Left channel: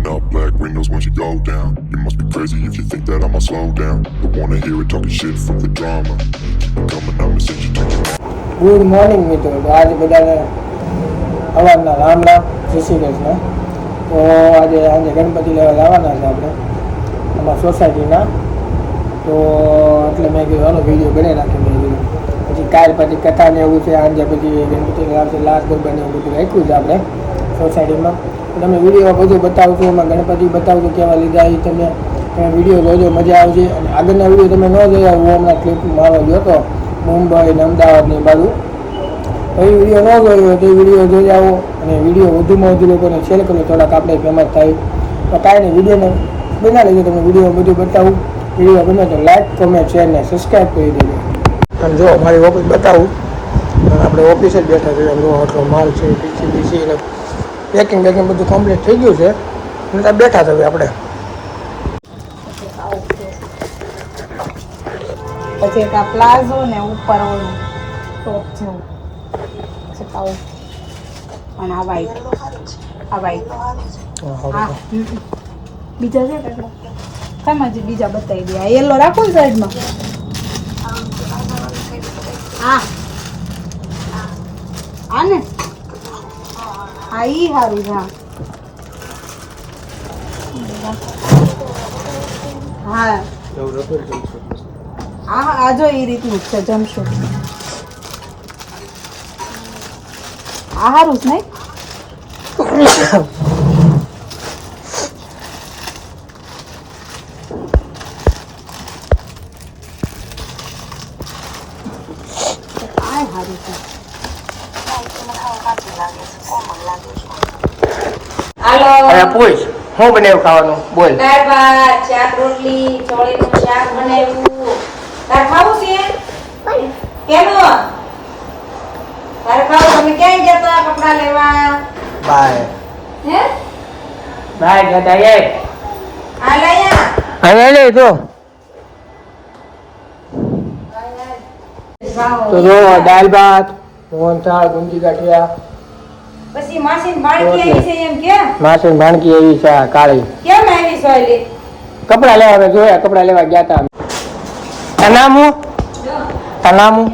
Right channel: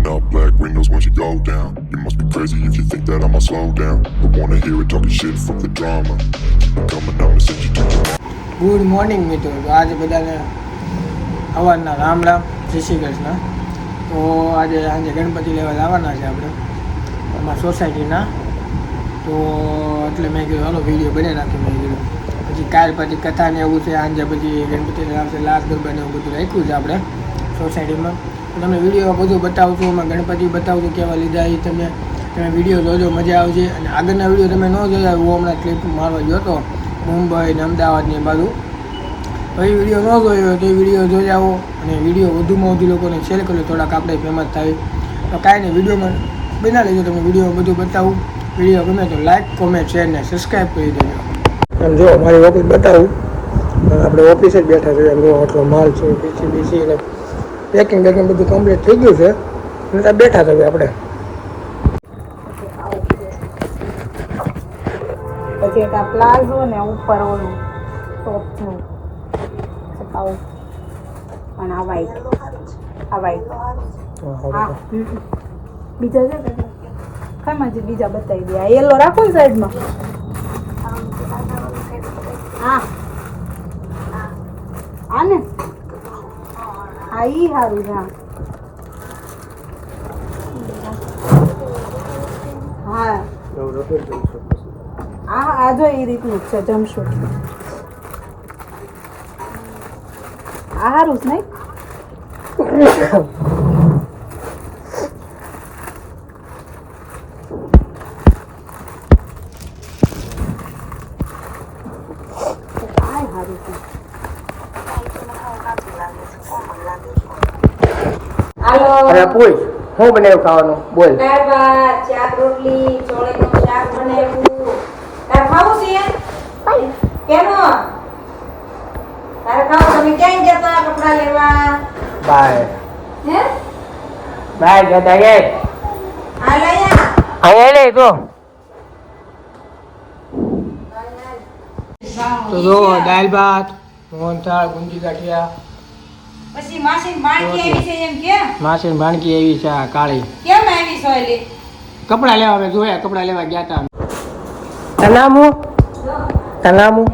Pulling up black windows once you go down. You must be crazy if you think that I'ma slow down. But wanna hear it talking shit, fuck the drama. Keep it coming, I'ma send you to your good morning મિત્રો તો આજે બધાને સવારના રામ રામ જય શ્રી કૃષ્ણ તો આજે આજે ગણપતિ લેવા જવાના છે આપણે અમારા સોસાયટીના તો એટલે મેં કીધું હાલો વિડીયો બનાવી નાખ્યો મેં કીધું પછી કાલ પછી કથા ને એવું છે આજે પછી ગણપતિ લાવશે લાસ્ટ ગરબા ને એવું બધું રાખ્યું છે આપણે સોસાયટીમાં તો તમને વીડિયો બધું બતાવું છું, એમાં ગણપતિ બતાવું છું, કેવા લીધા એ તમે. તમે વીડિયો જોજો, મજા આવશે. અને આગળના વીડિયો તમે ન જોયા હું હમણાં ક્લિપ મારવા હતો, મુંબઈ ને અમદાવાદ ને બાજુ. તો એ વીડિયો ન જોયો તો એ વીડિયો જોઈ આવો. અને વીડિયો વધુમાં વધુ લોકોને શેર કરો, થોડાક આપણે ફેમસ થાય. તો કાંઈ નહીં, વિડીયોમાં બના લેજો તમે વીડિયો બધું બતાવું. વીડિયો ગમે તો લાઈક કોમેન્ટ શેર ને સબસ્ક્રાઈબ કરી દેજો. અને જો મારી ઓફિસ બતાવું આપણે ઓફિસે જ બેઠા છે, આમ આટલો માલ છે બીસી બીસી પેકિંગ બેકિંગ બધું કમ્પ્લીટ થઈ ગયું છે. અને ત્યાં બેઠા થયું આપણે. પછી એક આ પ્લાઝો ને ઉપર ઓલું ટોપ છે. પછી પાઉં. અને આ વાઈટ આ વાઈટ બીજા છે કેટલા કેમ હજી બીજા બતાવી દે? આ યલો રાખો સાઈડમાં હા ને હા ઈ સારું હા. હા. આ આ જો એ રીતનું છે, જમશો. આ સારું જ નહીં આ સારું છે અરે પૂછ શું બનાવ્યું ખાવાનું? બોલ. દાળ ભાત શાક રોટલી ચોળીનું શાક બનાવ્યું. તાર ખાવું છે? કેમ? તારે ખાવું? તમે ક્યાંય જતા કપડા લેવા? બાય. હે? બાય જતા એ આ લાયા અહીંયા નહીં તો તો જો દાલ ભાત મોહનથાળ ગુંદી ગાંઠિયા પછી માસી બાળકી આવી છે એમ કેમ? માસી ભાણકી આવી છે કાળી. કેમ આવી સોયલી કપડા લેવા મેં જોયા કપડા લેવા ગયા હતા તાર નામ હું તાર નામ હું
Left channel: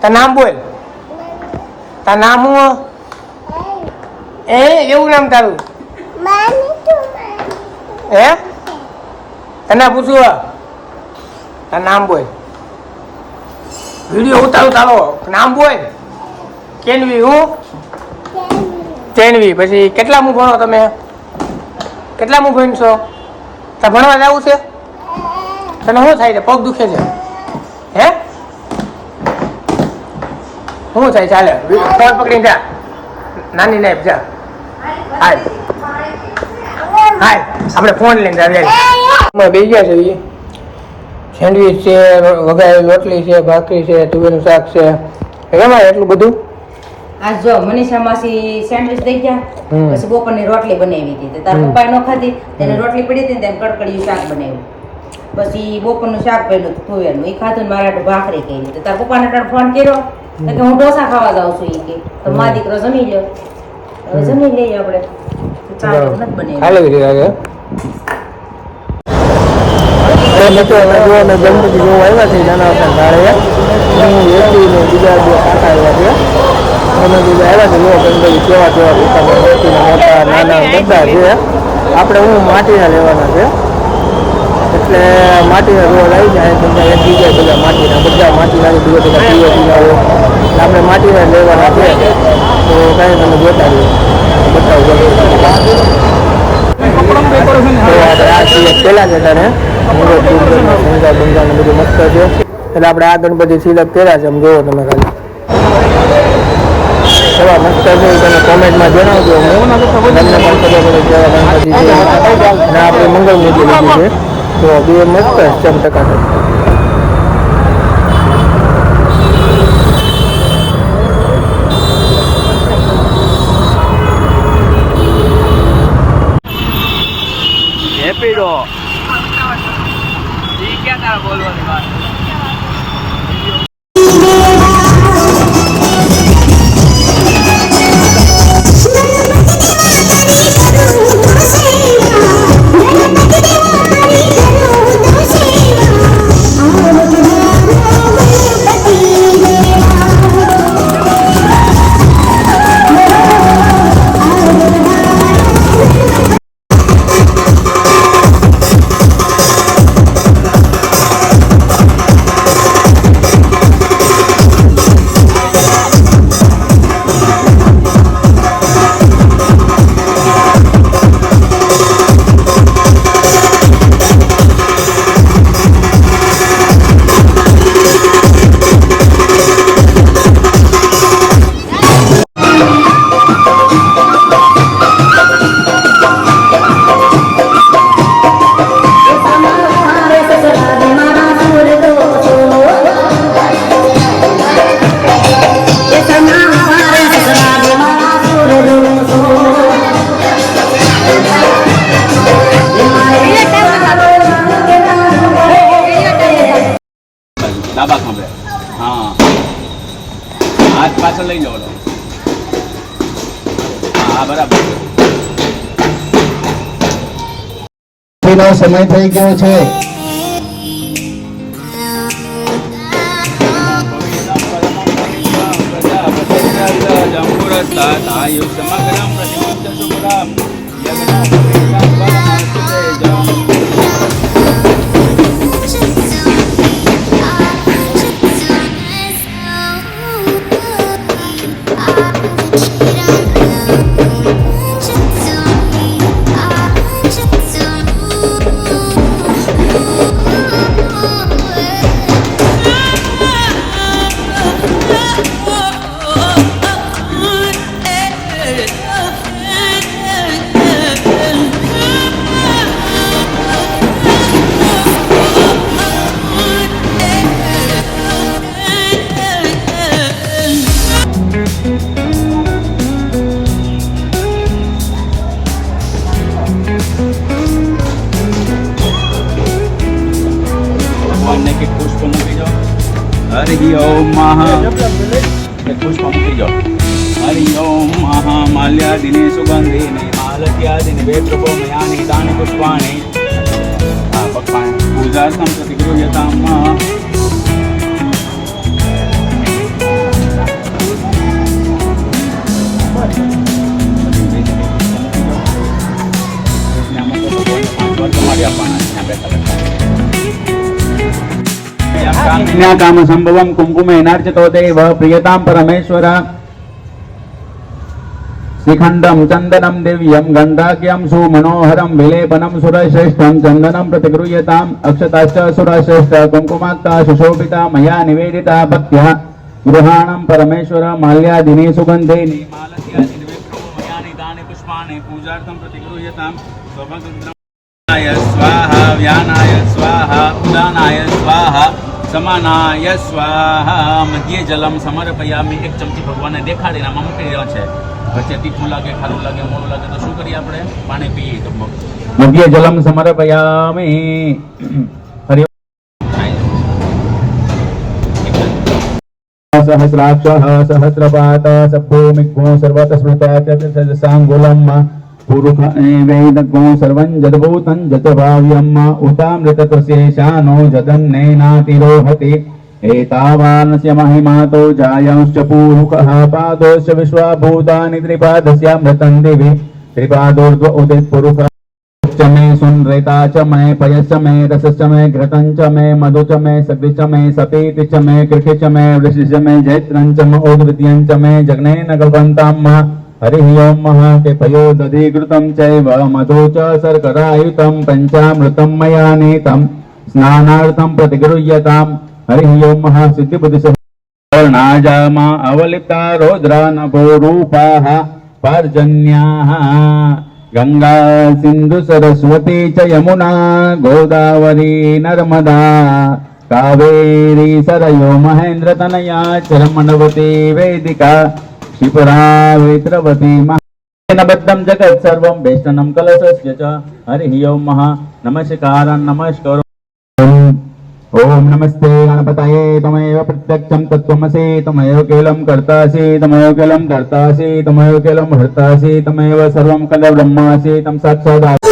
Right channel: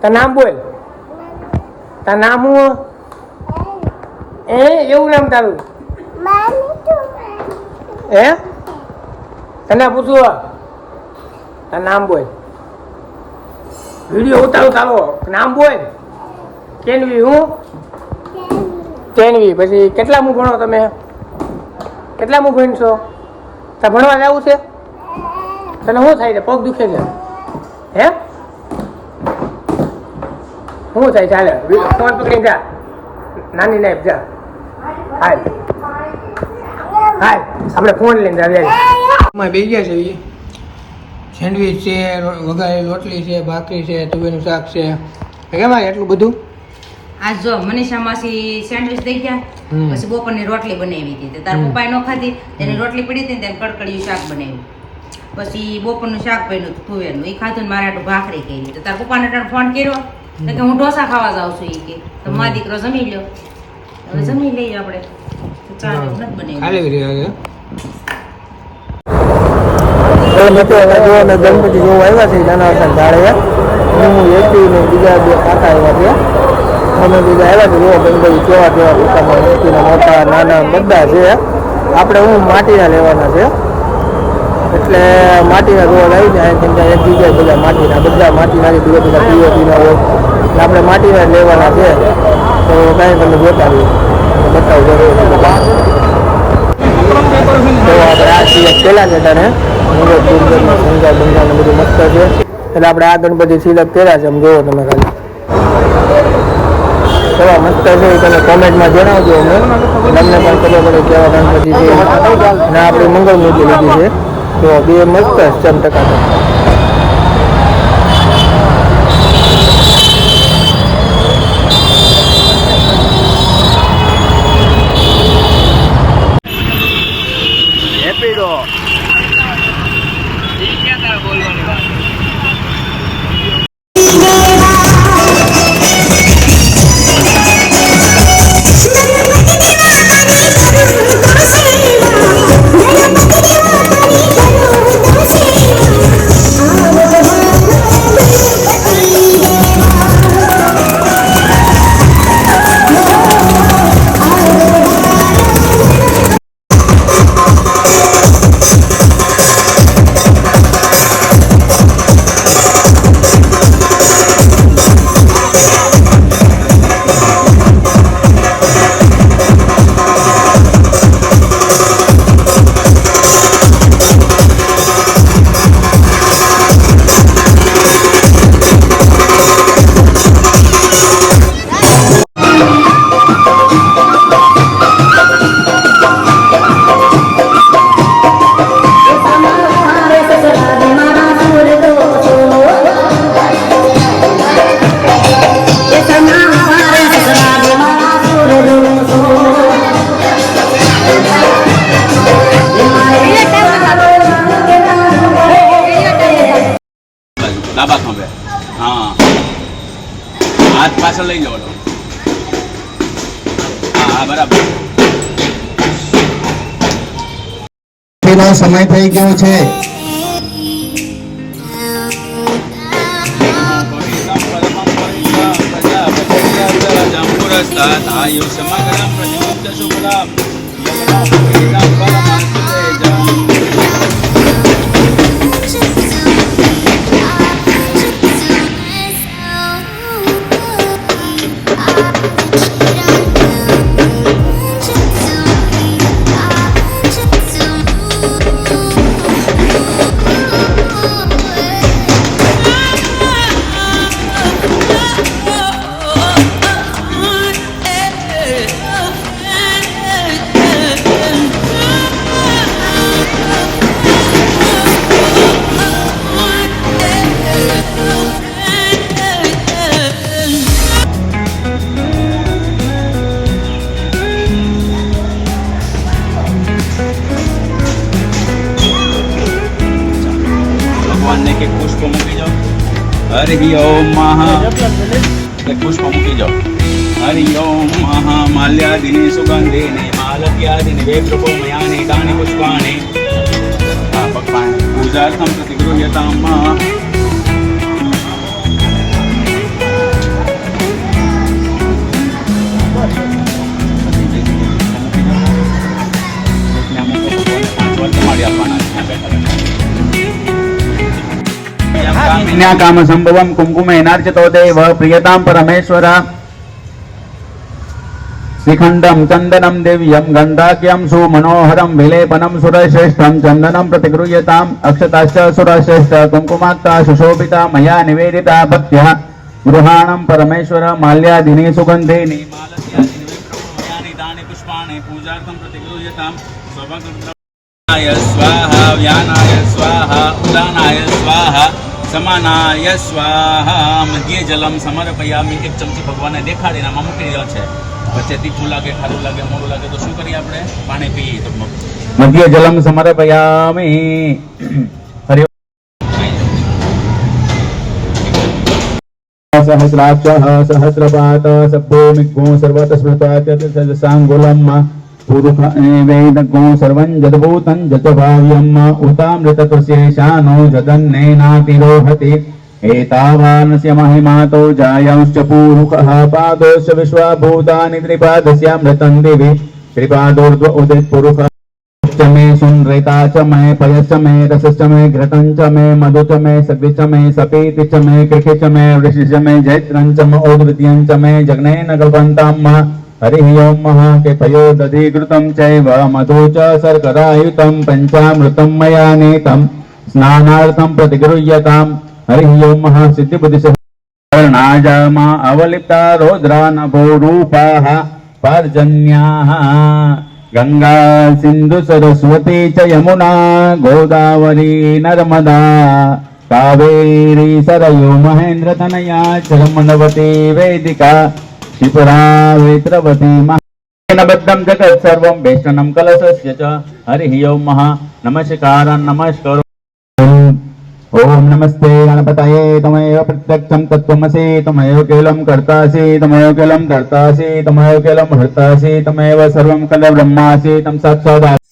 તાર નામ બોલ. તાર નામ હું એ એવું નામ તારું? હે? તને પૂછ્યું તાર નામ બોલ. વીડિયો ઉતારું તારો. નામ બોલ. કેનવી હું? કેનવી પછી કેટલા મુ ભણો તમે? કેટલા મુ ભણશો? તા ભણવા જવું છે? તને શું થાય છે? પગ દુખે છે? હે? શું થાય ચાલે ફોન પકડીને જા. નાની નાઈફ, જા. હાય હાય આપણે ફોન લઈને જાવીએ અમે બે ગયા છે એ સેન્ડવીચ છે, વઘારેલી રોટલી છે, ભાખરી છે, તુવેરનું શાક છે. એમાં એટલું બધું? આ જો મનીષા માસી સેન્ડવિચ દઈ ગયા. પછી બપોરની રોટલી બનાવી હતી. તો તાર. પપ્પાએ ન ખાધી તેને રોટલી પડી હતી તેને કડકડિયું શાક બનાવ્યું. પછી બપોરનું શાક બન્યું હતું તુવેરનું એ ખાધું ને મારે આટલું ભાખરી કરી તો તાર પપ્પાને ને ફોન કર્યો. કે હું ઢોસા ખાવા જાઉં છું. એ કે તો મા દીકરો જમી લ્યો. હવે જમી લઈએ આપણે. ચાલો નથી બનાવ્યું હાલે રહ્યા છે તો મિત્રો અમે જો અમે ગણપતિ જોવા આવ્યા છીએ નાના ધાળે હું એપી ને બીજા બે કાકા આવ્યા છે. અમે બીજા આવ્યા છે જો ગણપતિ કેવા કેવા પોતાના મસ્તીના મોટા, નાના બધા છે. આપણે હું માટીના લેવાના છે. એટલે માટીના રોડ આવી જાય તમને એક જગ્યાએ બધા માટીના બધા માટીના છે બીજા બધા પીઓપીના હોય. એટલે આપણે માટીના લેવાના છે. તો કાંઈ તમને જોતા બતાવું બધા તો આપણે આ સિવાય પહેલા જતા ને મુરત ડુંગરમાં શંકા બંગા ને બધું મસ્ત છે. એટલે આપણે આ ગણપતિ સિલેક્ટ કર્યા છે, આમ જોવો તમે ખાલી. કેવા મસ્ત છે એ તમે કોમેન્ટમાં જણાવજો અમને. તમને પણ ખબર પડે કેવા ગણપતિ છે. અને આપણે મંગળ મૂર્તિ લીધી છે. તો બે મસ્ત ચમ ટકાટક બોલવાની દો હા સમય થઈ ગયો છે. જમ્મુ રસ્તા ક્ષમા કરામ પ્રતિમુક્ત શુભલામ ભગવાનને કે પુષ્પ મૂકી જાઓ હરિ ઓમ મહા કે પુષ્પ મૂકી જાઓ હરિ ઓમ મહા માલ્યાદિની સુગંધિની માલક્યાદિની વેપ્રભો મયાની તાની પુષ્પાણી હા ભગવાન પૂજાર્થમ પ્રતિગૃહ્યતામ કામ સંભવમ કુમકુમેનાર્ચિતો દેવ પ્રિયતામ પરમેશ્વર શિખંડમ ચંદનમ દિવ્યમ ગંધાક્યમ સુમનોહરમ વિલેપનમ સુરશ્રેષ્ઠમ ચંદનમ પ્રતિગૃહ્યતામ અક્ષતાશ્ચ સુરશ્રેષ્ઠ કુંકુમાક્તા સુશોભિતા મયા નિવેદિતા ભક્ત્યા ગૃહાણમ પરમેશ્વર માલ્યાદિની સુગંધિની માલક્યાદિની વિપ્રભૂમયાની દાની પુષ્પાણि પૂજાર્થમ પ્રતિગૃહ્યતામ સ્વભગૃદ્રમાય સ્વાહા વ્યાનાય સ્વાહા ઉદાનાય સ્વાહા સમાનાય સ્વાહા મધ્ય જલમ સમર્પયામી, એક ચમચી ભગવાનને દેખાડીને આમાં મૂકી દેવા છે. વચ્ચે તીખું લાગે, ખારું લાગે, મોરું લાગે, તો શું કરીએ આપણે? પાણી પીએ તો મધ્ય જલમ સમર્પયામી. સહસ્રાક્ષ સહસ્રપાત સભ્યો મિઘો સર્વત સ્મૃતા સાંગુલમ पुरुष एवैदग्गो सर्वं जदभूतं जतभाव्यम् उतामृततस्यैशानो जदन्नेनातिरोहति एतावानस्य महिमातो जायांश्च पूरुकः पादोश्च विश्वभूतानि त्रिपादस्यामृतं दिवि त्रिपादोर्ध्व उदित्पुरुषः च मे सुनृता च मे पयश्च मे रसश्च मे घृतं च मे मधु च मे सग्धि च मे सपीति च मे कृषि च मे वृषि च मे जैत्रं च म ओदृत्यं च मे जग्नेन गल्पन्तां म हरिः ओं महा केतयो दधिघृतं चैव मधु च शर्करायुतं पञ्चामृतं मया नीतं स्नानार्थं प्रतिगृह्यताम् हरिः ओं महा सिद्धिबुद्धिसह कर्णाजामा अवलिप्ता रौद्रा नभो रूपाः पर्जन्याः गङ्गा सिन्धु सरस्वती च यमुना गोदावरी नर्मदा कावेरी सरयो महेन्द्रतनया चर्मणवती वेदिका त्रिपुरा वेत्रवती महाबद्धं जगत् सर्वं वेष्टनं कलशस्य च हरिः ओं महा नमस्कारं नमस्करो ओम नमस्ते गणपतये तमैव प्रत्यक्षं तत्त्वमसि तमैव केलं कर्तासि तमैव केलं कर्तासि तमैव केलं हर्तासि तमैव सर्वं खलु ब्रह्मासि तं साक्षात्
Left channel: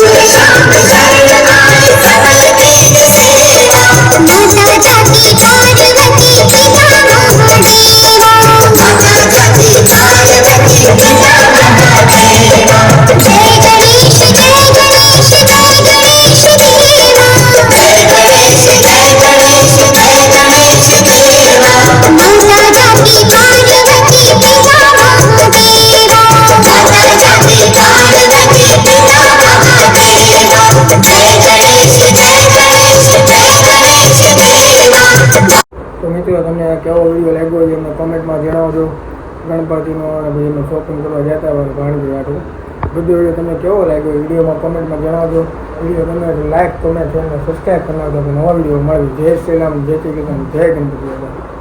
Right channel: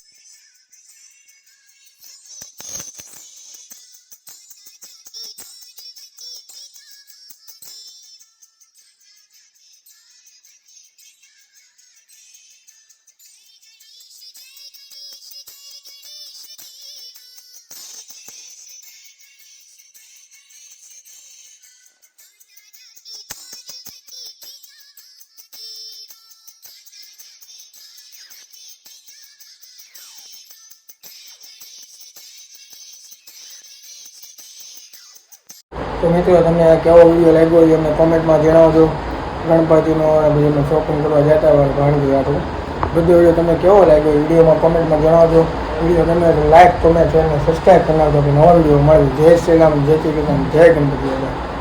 કોમેન્ટમાં જણાવજો ગણપતિનો અને બધું શોપિંગ કરવા જતા હોય ઘણી ગયા હતું બધો વીડિયો તમને કેવો લાગ્યો વિડીયોમાં કોમેન્ટમાં જણાવજો. વીડિયો તમે લાઈક કોમેન્ટ અને સબસ્ક્રાઈબ કરી નાખજો. નવો વીડિયો મળ્યો જય શ્રી રામ, જય શ્રી કૃષ્ણ, જય ગણપતિ